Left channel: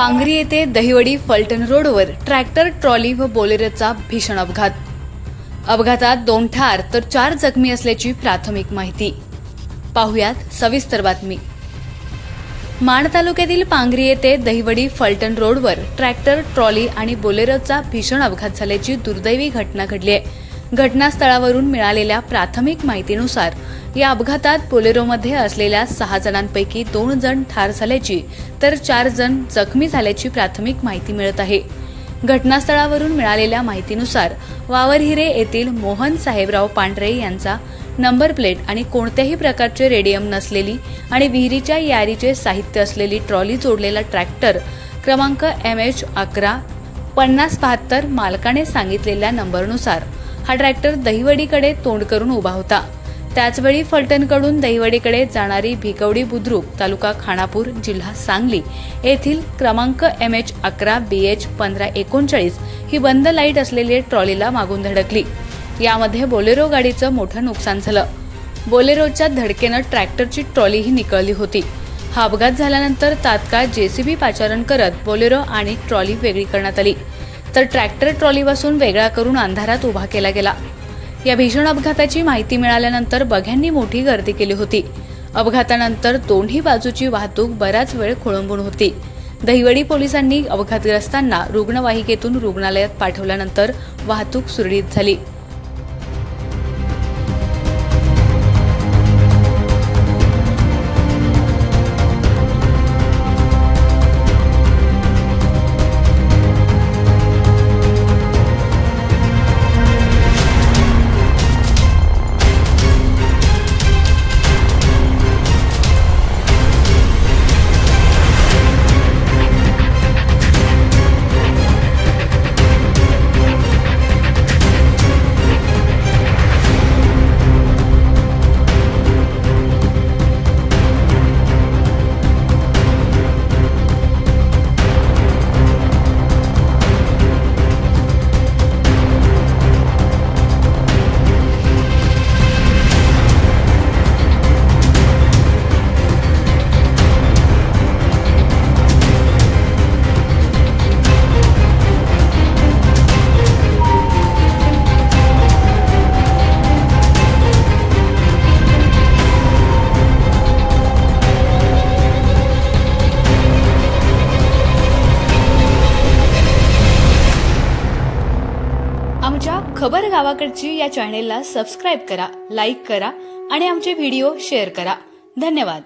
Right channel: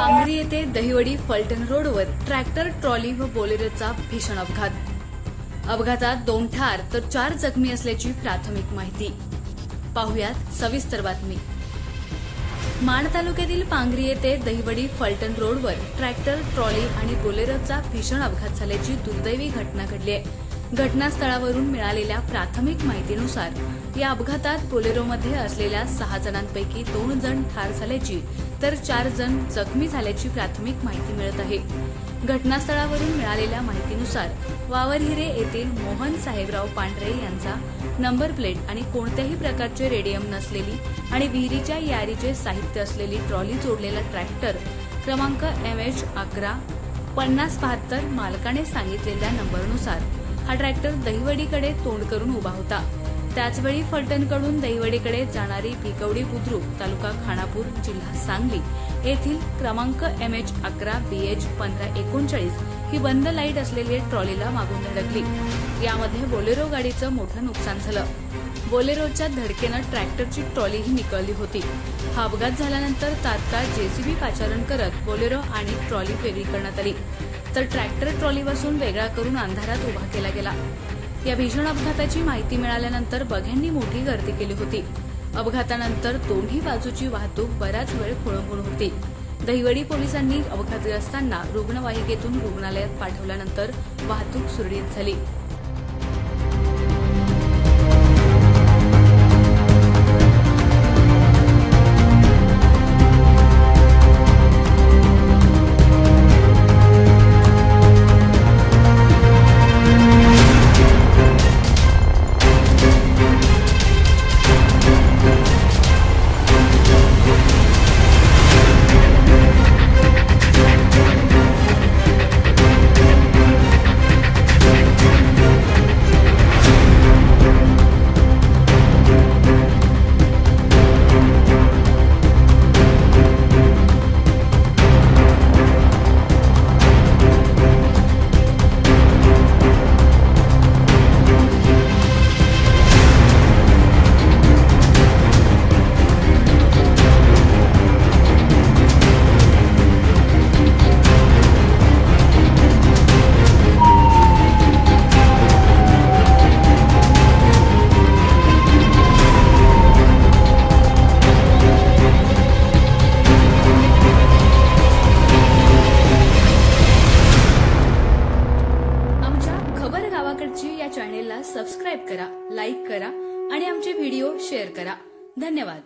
पांगरी येथे दहिवडी फलटण रोडवर tractor trolley व बोलेरोचा भीषण अपघात। अपघातात 2 ठार तर 4 जखमी असल्याची प्राथमिक माहिती। पाहुयात सविस्तर बातमी। माण तालुक्यातील पांगरी येथे दहिवडी फलटण रोडवर ट्रॅक्टर ट्रॉली आणि बोलेरोचा भीषण अपघात झाल्याची दुर्दैवी घटना घडली आहे। घटनास्थळावरून मिळालेल्या प्राथमिक माहितीनुसार या अपघातात बोलेरोमध्ये असलेल्या 6 जणांपैकी 2 जण ठार झाल्याची तर 4 जण जखमी झाल्याची प्राथमिक माहिती मिळत आहे। घटनास्थळावरून मिळालेल्या माहितीनुसार वावरहिरे येथील मोहन साहेबराव पांढरे यांचा नंबर प्लेट आणि कोणत्याही प्रकारचे रेडियम नसलेली आणि विहिरीच्या यारीचे साहित्य असलेली ट्रॉली जोडलेला ट्रॅक्टर क्रमांक MH11 5072 मालकाने सांगितलेल्या नंबरनुसार हा ट्रॅक्टर दहिवडीकडे तोंड करून उभा होता। त्याचवेळी फलटणकडून दहिवडीकडे जाणारी भिकवडी बुद्रुक तालुका खानापूर जिल्हा सांगली येथील क्रमांक MH11 BH 1539 ही बंद लाईट असलेली ट्रॉलीला मागून धडकली। यामध्ये बोलेरो गाडीचं मोठं नुकसान झालं। बोलेरोच्या धडकेनं ट्रॅक्टरची ट्रॉलीही निकळली होती। हा अपघात झाल्यानंतर तात्काळ JCB पाचारण करत बोलेरो आणि ट्रॉली वेगळी करण्यात आली, तर ट्रॅक्टर ट्रॉलीपासून वेगळा करून अंधारात उभा केला गेला। या भीषण अपघाताची माहिती मिळाल्यानंतर बघ्यांनी मोठी गर्दी केली होती। अपघातानंतर दोन्ही बाजूची वाहतूक बराच वेळ खोळंबून होती। दहिवडी पोलिसांनी अपघातग्रस्तांना रुग्णवाहिकेतून रुग्णालयात पाठवल्यानंतर वाहतूक सुरळीत झाली। खबर गावाकडची या चॅनेलला सबस्क्राइब करा, लाईक करा आणि आमचे व्हिडिओ शेअर करा। धन्यवाद।